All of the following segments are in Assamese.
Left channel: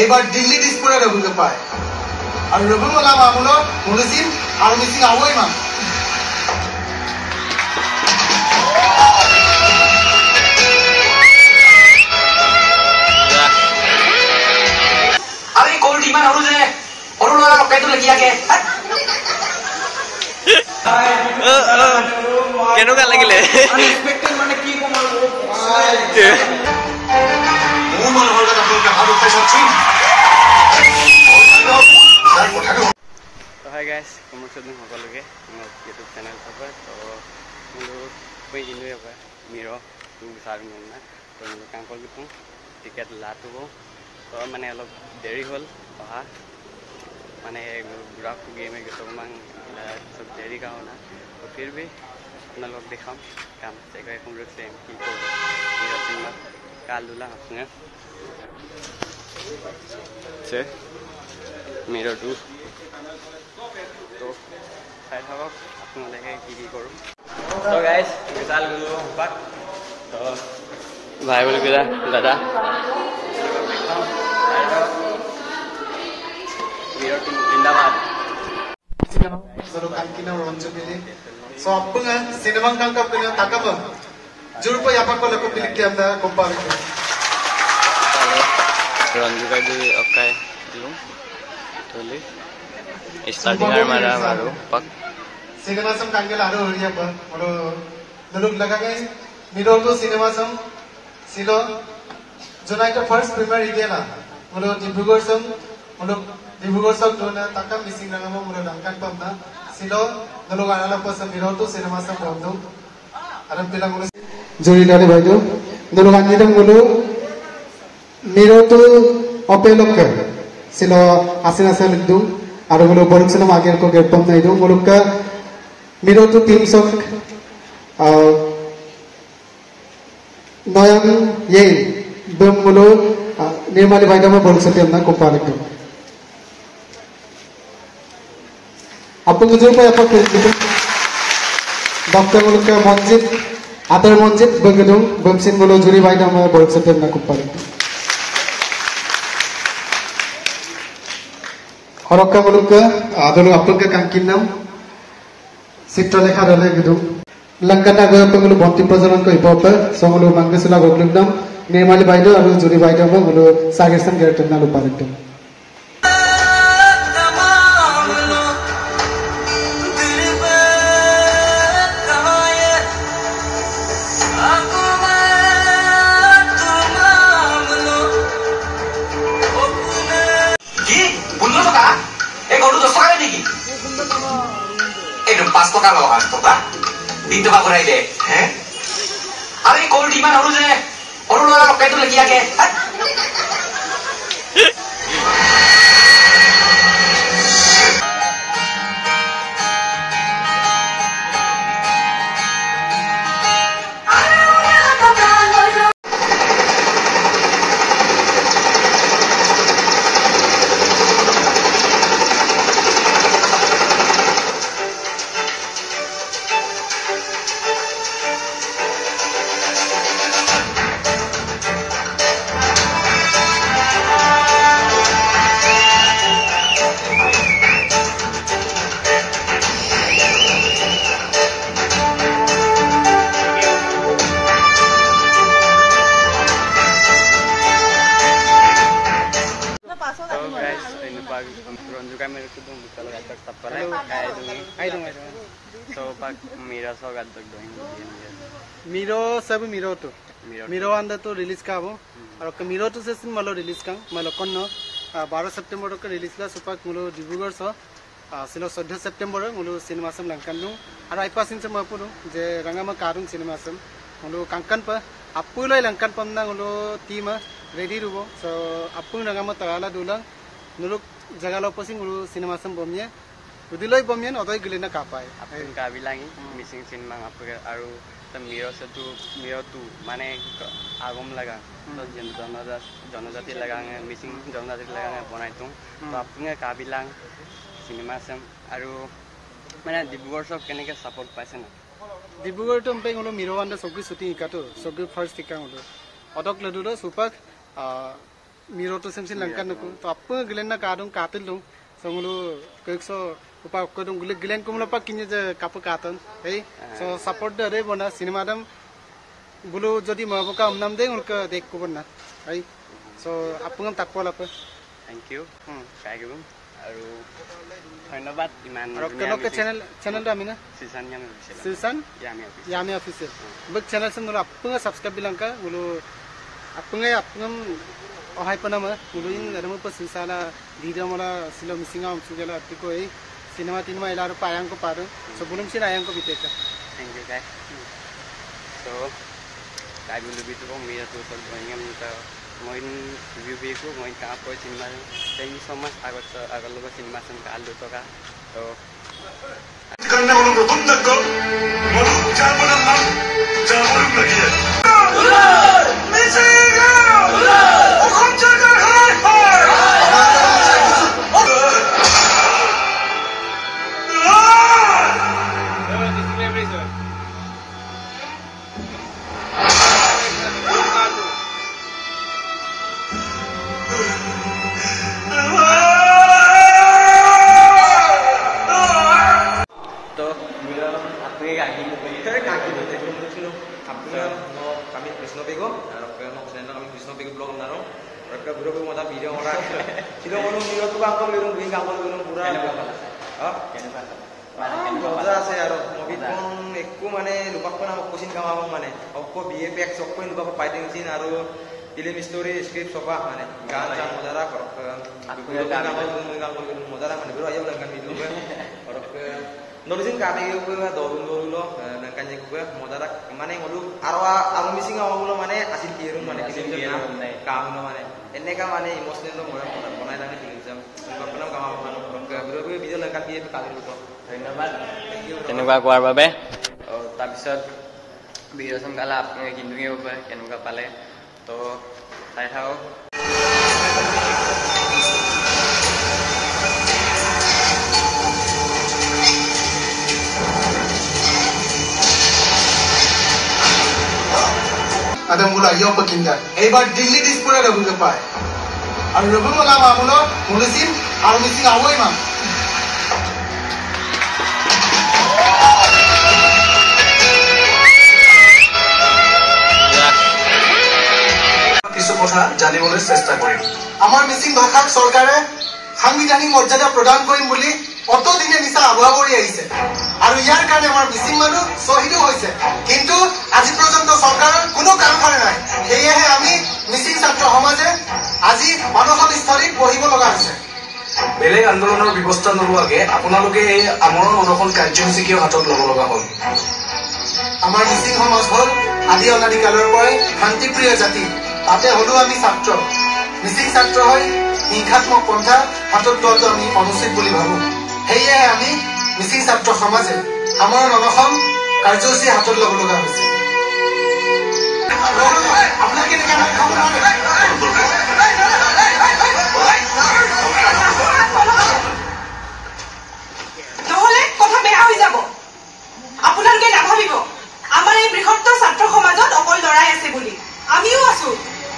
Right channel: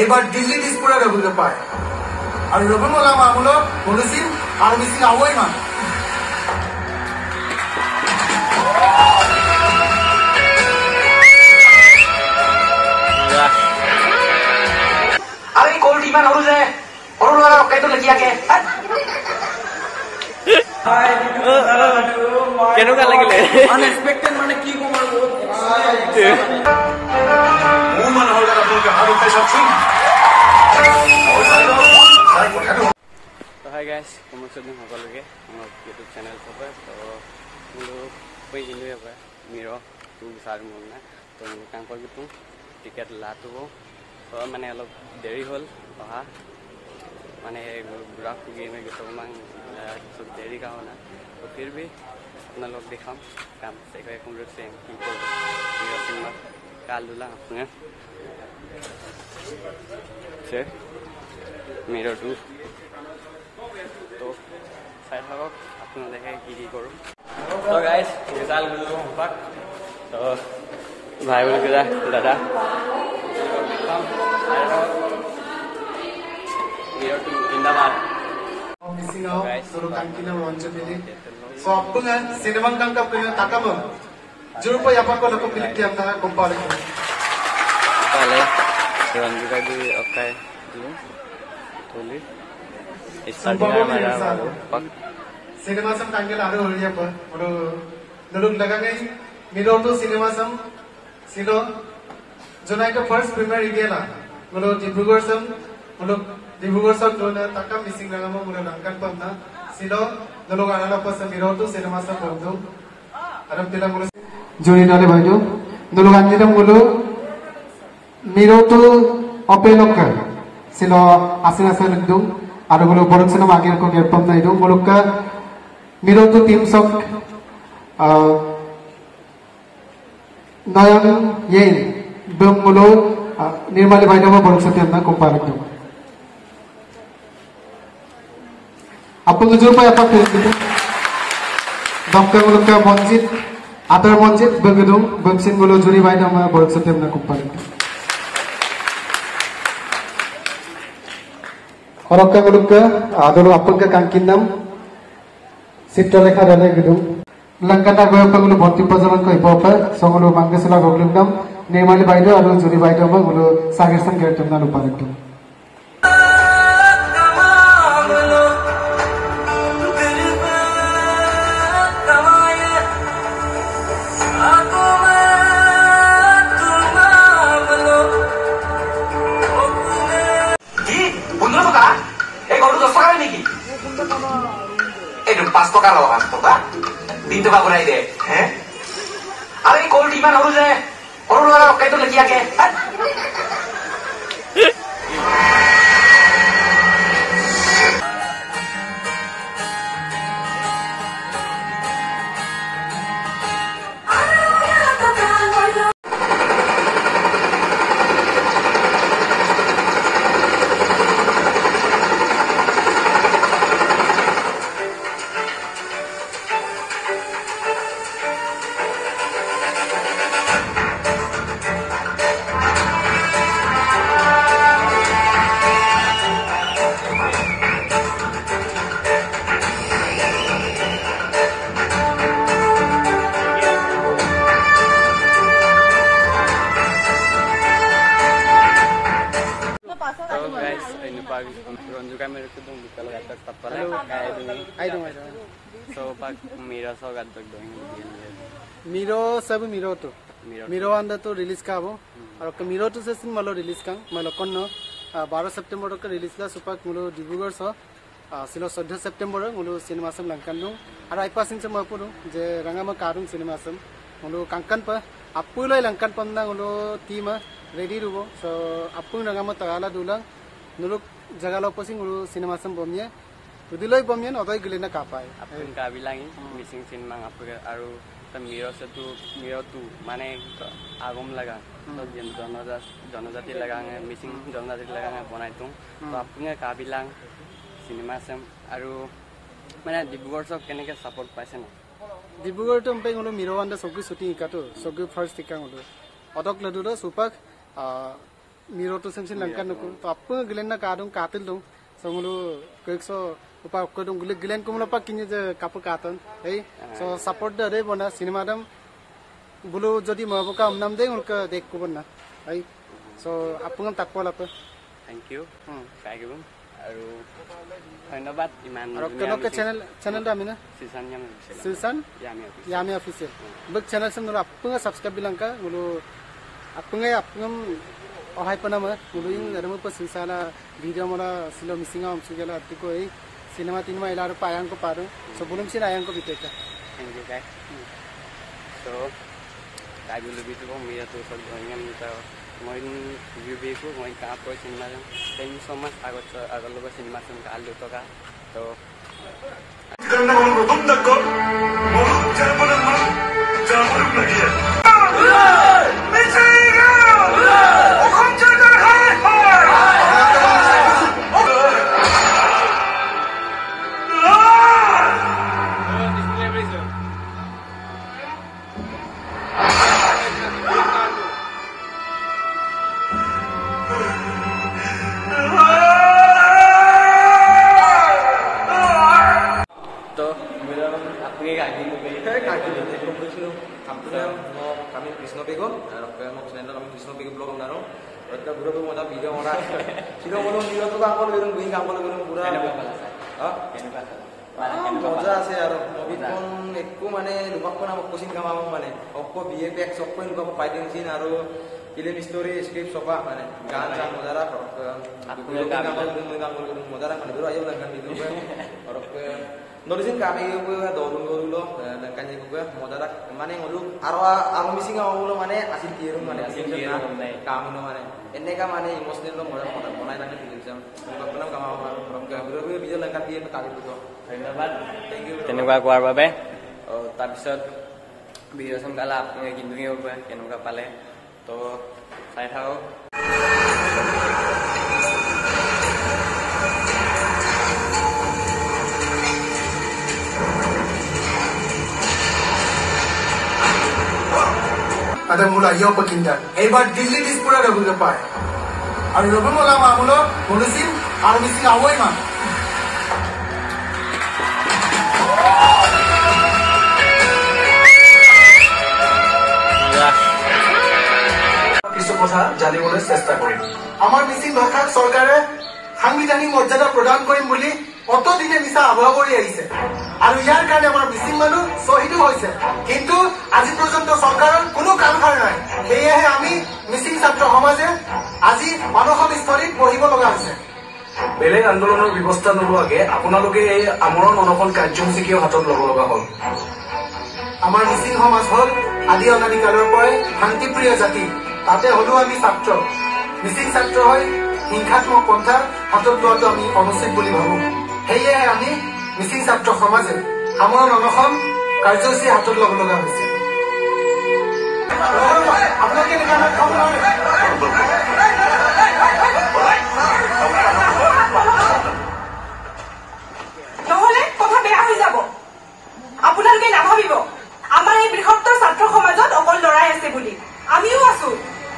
এইবার দিল্লি দিসপুরে রঘুকে পায় আর রঘুমলা মামুলো বলেছিন আর মিসিং আওয়াই মা আরে কোল্ড ইমান হরু যে হরু লগা রকাই তো লাগিয়া কে কেনেকুৱা লাগিলে আনএক্সপেক্টেড মানে কি কমাল মোৰ মানুহৰ কথা আপোনালোকে ভাবি পাইছাচোন তো হাই গাইজ নমস্কাৰ দিন সকলোকে মোৰ ইউটিউব চেনেল চাব তো মোলো মই কিন্তু এবাৰ মিৰ টু বিচাৰোঁ মোৰ না তো মোলো কাম কৰি দিওঁ টিকেট লাটো তো মানে অলপ দেৰি হ'ল অহা মানে মোলো বুঢ়া গেমে গৈছোঁ অকণমান চব দেৰি গাওঁ না তো ফিৰ ভি আপোনালোক দেখাম কাম চেকৈ এখন ৰখছে কি কৰোঁ মিৰ চিনেমা কাল দুলা আপুনি মিৰ টু তো চাই থাকক আপোনালোকে কি কৰোঁ তো গাইজ বিশাল গ'লো বাট তো ভাই বুলি কৈছা দাদা দেখাম চাই থাকক মিৰ টু জিন্দাবাদ So appunga cinema tangkap punya takap juru po yapak ko lako pilik tiam na kumpal ko Ronju ka di okay dilum tuli starting ar mara maru pak cinema sam kanggel aro hariya pa odo naluk lagangai miro to cinema sam silo jonai to first premiere igela odo dibrugarh sam odo dibrugarh sam dona takam missing rangamo odo nangkan pamna silo naluk anala pa sam miro to cinema sam bondo aram pilang odo juri dole bhaidu naluk anidam odo miro to opelok silo asina seldu arugulo boroksono mager ko gerpam naidu mulukka miro to team sok noyan ye bumulo nirmali bhaidama boroksotiam na ko paraktu apun jujur pa apa kulitu dr mulukka manjit adar manjit bengedung bemsin mulo juri bhaidama boroksotiam na ko paraktu Horokka mulukka adolo apulka kankinnam Citralekha dale gedung Langkana goyappa mulu bhanti prajalan ko ipopa somulu mangasula goglugdam Nirmali baido aru juri baido mulu sagirsam gertumna luparektum Paskotar lo kan, toh, di tempat berai deh, Aरे कोल्ड इमान हरु जे हरु लगा रकाई तो লাগিয়া কে Ronju kami itu dong kalau gatak tapalai kayak itu ayo dong so pak mira so gatak dong miro sab miro to miro anda to release ka abo aru miro to se sin malo release ka malo konno 12 September ka release la supak mulo Dibrugarh so silo 14 September mulo cinema sam langkan dong aru ai pasin se mapuru je rangama karung cinema sam mulo kankan pa appuloi langkan pamna mulo team ready rubo so appun rangama tagala dulang nuluk jaga lo posing ulu cinema sam bomnya udiloi bomnya odoi gilena kapai apun ka bilangi missing scene mang apu aru tam miro se tu miro tu mane agom laga to jonojati laga missing jonojati laga bonai tung to apunge ka bilang cinema sam aru mane Dibrugarh sok keneke support paise na Dibrugarh to mpe ulo miro anda sogui shooting ikato sogui first tika ulo odok ladulo supak miro to semsin langkan nuku to apa gelen na kadung katil dong songulu kekso upa kodong gelen kumula pa kinye je kapu katon ei so support de re bona cinema dam bulu jodi mabuka amnam de ulka dek ko bonna ei so apungam takpol apa thank you kai gum aru ধন্যবাদ ইমান আৰু কেনকে channel da mina season yami official season yami official bag channel sem nula apung subscribe bilangka mulu apung ohai panama mulu in adamu pa sisala video mala silo misinga amsugela atiko ei cinema tinma ilaru payang ko paru so bulum sin ayang ko biteka thank you guys so kai bulu bitu ko mira tu sol ingam ta moin review beko moin ka po cinema thank you so much agar logo cinema sem ka alu to ka to karena orang betul tak kau mau jaman mak jaman lagi ya Messi orang jaga hai kami Krishna Bego, mau channel kami Krishna Bego blog naro, mereka buru buru mau video orang, tidak mau video tu bangkol lirung bing bangkol lirung pura. Kenapa kalah saya? Ah, kenapa kalah? Masa saya movie pun ekku mana lupa pun nama kusin kamu mana, aku BFX aku ini lupa fighting scene aru film story script sofa mana, gancang modara korok, aku bangkol lirung modara mana baru ayo langgan video korok. Nulisin kaki gue dorong lo, nangkanya gue modal mana yang dulu arwah missing awal lo mana asin kirim mana kamu lo mana, ini kan mana emosional lo modal konai langit tinggi jam, bukan pernah kamu mana, gue video langkan dia kali itu, ধন্যবাদ, কেনেকুৱা কোৱাৰ বাবে, তাৰপিছত video sam kala আপোনালোকে কিন্দুঙে হ'ব কেনেকুৱা পালে, তো চাই থাকক। ada mula yo pekinda ebar Delhi dispura rabu ke pai aru rabu mula ma mulo mulisin aru missing awoi ma কিছু কথা জানিবলৈ চেষ্টা কৰিম আমাৰ মিছিং ভাষাক চৰকাৰে সাংবিধানিক মৰ্যাদা প্ৰদান কৰিম বুলি কত দিনে নিচা আবহাওয়া কৰি আহিছে আৰু ইয়াৰ কাৰণে আমাৰ মিছিং মানুহ শহীদ হৈছে কিন্তু আজি পৰ্যন্ত চৰকাৰৰ কোনো কাম কৰা নাই সেয়েহে আমি মিছিং ছাত্ৰ সমাজে আজি মানসিক স্থলীত বহিব লগা হৈছে বেলেগ আন্দোলনৰ ব্যৱস্থা নলোৱাকে আপোনালোকে এই আমৰণ অনশন কাৰ্যসূচী কিয় হাতত ল'ব লগা হ'ল আমাৰ মিছিং সমাজ হ'ল আদি অনাদি কালৰ পৰাই শান্তিপ্ৰিয় জাতি তাতে হলো আমি ছাত্ৰ মিছিং ছাত্ৰ হৈ হিংসাত্মক পন্থা হাতত লোৱাটো আমি অনুচিত বুলি ভাবো সেয়েহে আমি মিছিং ছাত্ৰ সমাজে আমৰণ অনশন কাৰ্যসূচী হাতত ল'ব লগা হৈছে আপোনালোকে নহলে কথা বেয়া হৈ যাব আপোনালোকে নাভাবিব আমাৰ এই বৃহত্তৰ ছাত্ৰ সমাজত অকল লৰাই আছে বুলি আমিও আছো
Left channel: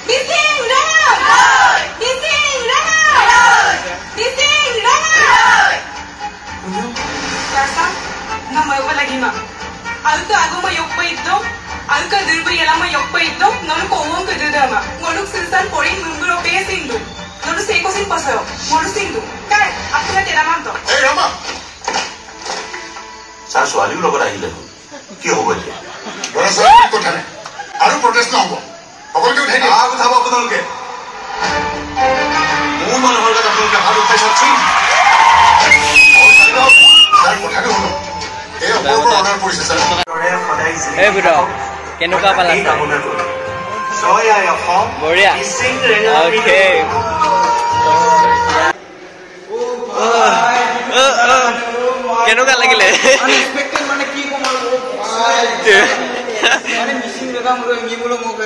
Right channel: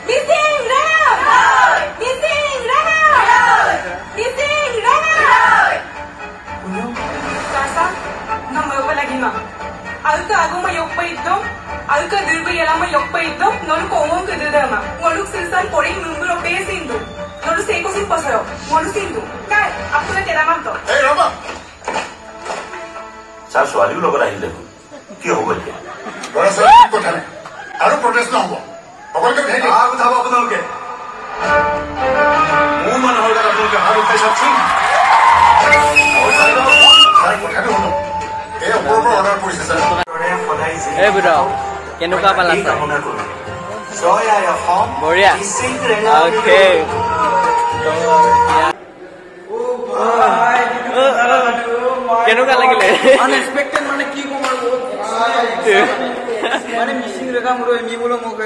মিছিং ৰায় মিছিং ৰায় মিছিং ৰায় Karsa, nama yo lagi mah. Aku agama yok pa ito. Aku dirgo yalama yok pa ito. Nonu kowong ke dama. Ngoluk silsan porin numbro pe sindu. Nonu seko sin pasayo. Ngolu sindu. Kai, aku na tera manto. Hey Rama. Sar soali lo bara hile. Ki hobo je? Bara sar ko thane. Aru protest na hobo. Okol ke dheni. Aku thabo apnaloke. Mu man hol ka apnaloke haru pe sakchi. কেনেকুৱা পালা চাই বঢ়িয়া অ'কে কেনেকুৱা লাগিলে আনএক্সপেক্টেড মানে কি কম মানে মিছিং ৰেগা মোৰ এমিমুলো মোক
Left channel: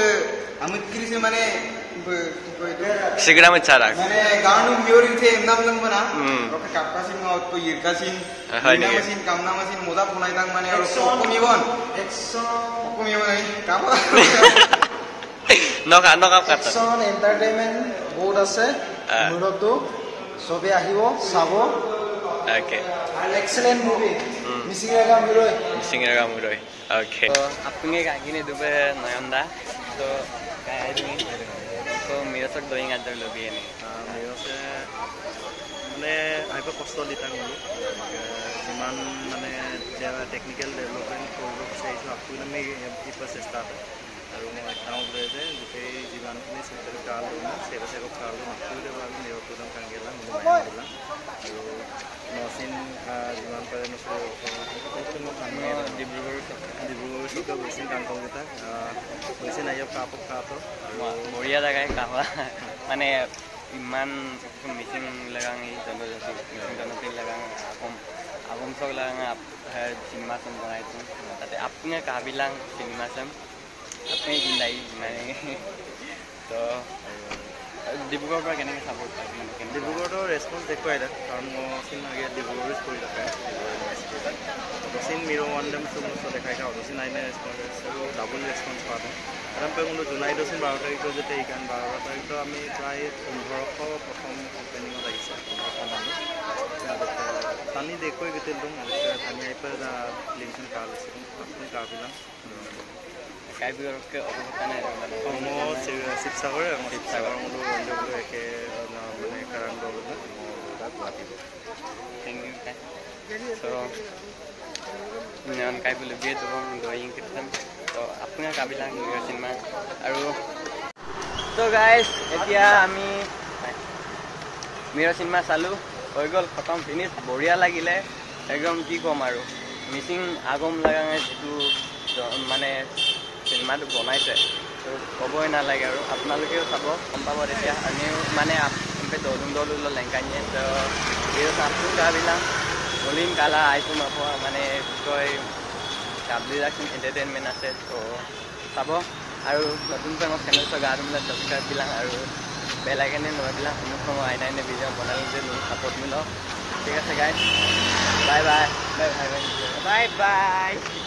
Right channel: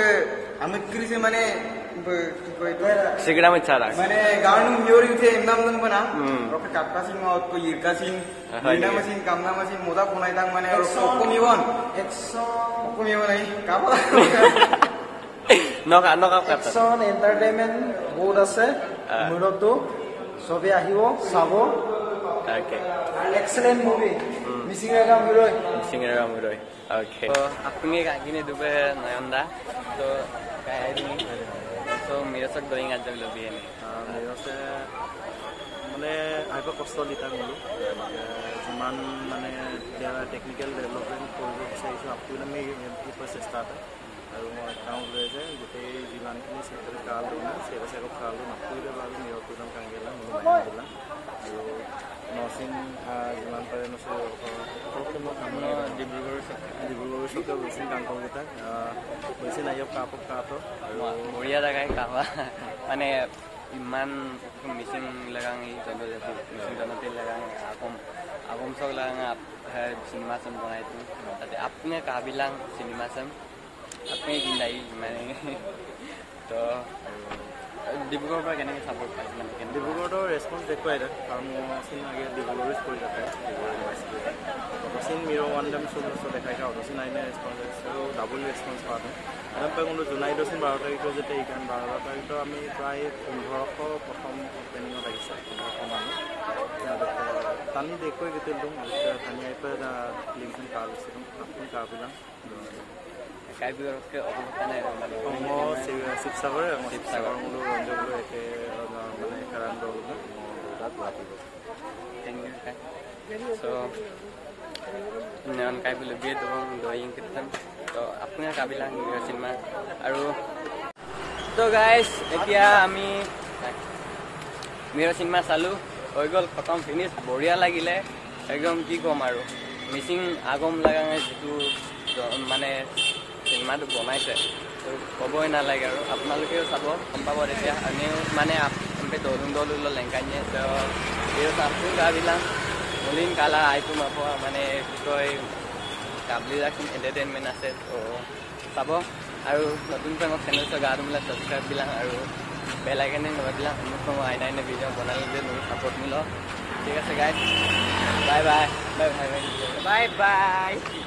amit krise মানে Segera mencarak. Mana garnum hearing the emnam lang bana. Roka kapkasin ma ko yirkasin. Ina masin kamna masin moda punai tang mane ro kokomibon. Kokomibon ai. Kapa? নকা কাটা একশন এন্টাৰটেইনমেন্ট বহুত আছে মুৰতো সবে আহিব চাব ওকে এক্সেলেন্ট মুভি মিসিং রেগা মুরই ओके तो आपने कागिने दुबे नयनदा तो काय तुम्ही तो मेरे सक डोइंग आज जब लबी ने मेरे से মানে আইবা কষ্ট লিটা গলো যিমান মানে টেকনিক্যাল ডেভেলপমেন্ট কৰিব বিচাৰিছো আপুনি আমি এই প্ৰচেষ্টাতে আৰু মই কাম কৰি যে গোটেই যিমানখিনি চেক্টৰ কালটো না সেৱা কালটো নকৰিলে বাবে নিৰতুলম কাংগেলা মই দিলা আৰু নসিন যিমান পাৰে নসে ওকে মই কাম ডিব্ৰুগড় চকা বেছি কাংকল কেটা বেছি নাই কাপক কাটো আৰু বঢ়িয়া জাগায় কাহা মানে ইমান মিসিং लगांग जनजाति मिसिंग जनजाति लगांग आगम सब लगांग सिनेमा सम बनाई तुम ताते आपने काबिलांग सिनेमा सम आपने जिंदाई माने तो ডিব্ৰুগড়ৰ পৰা কেনেকৈ সাপোৰ্ট পাইছে মানে ডিব্ৰুগড়ৰ ৰেসপন্স দেখুৱাই দা কাৰণ মই সিন আগে ডিব্ৰুগড়ৰ কৰি থাকে ডিব্ৰুগড় ইউনিভাৰ্চিটি অতসিন মিৰো ওয়ান ডেম সুমস দেখাই কা অতসিন আইনে ৰেসপন্স আৰু ডাবল রেসপন্স পালো এরম পর কোনো জুলাই 12 তারিখ যেতে এই গান 12 তারিখ তো আমি প্রায় 1500 প্রথম ওপেনিংত আহিছে 1500 মানুহ তানি দেখৈ গেতেল দম তানি আইপা লিংকন কাল আছে আপন কাবিলা কাইবিৰকে অৱকানে মানে শিৱসাগৰ মূল ৰঞ্জগুৰু একে মানে কাৰণ দল না তাত গুৱাহাটীব থ্যাংক ইউ কাই সো নন কাই বুলি বিয়ে দবং ডয়িং কিতম তো আপোনাৰ কাবিলা চিনেমা আৰু তো গাইস এতিয়া আমি মেৰা চিনেমা চালু হৈ গল খতম ফিনিশ বঢ়িয়া লাগিলে একদম কি কম আৰু মিসিং আগম লাগাঙে যেটো মানে সিনেমাটো বনাইছে তো ক'বই নালাগে আৰু আপোনালোকেও চাব গম পাব তেতিয়া আমিও মানে আমি দলুং লেংকাইনে তো ভিডিও চাপটো কাবিলাম বলিং কালা আইটো মাপ মানে কি কয় কাবলি ৰাখিম এণ্টাৰটেইনমেণ্ট আছে তো চাব আৰু নতুনকৈ মোৰ চেনেল গা তোমলা সাবস্ক্ৰাইব বিলাং আৰু বেল আইকনে নবাবিলাক মোক আইনাইনে ভিডিও বনালে যে মোৰ সাপোৰ্ট মিল ঠিক আছে guys bye bye bye bye bye bye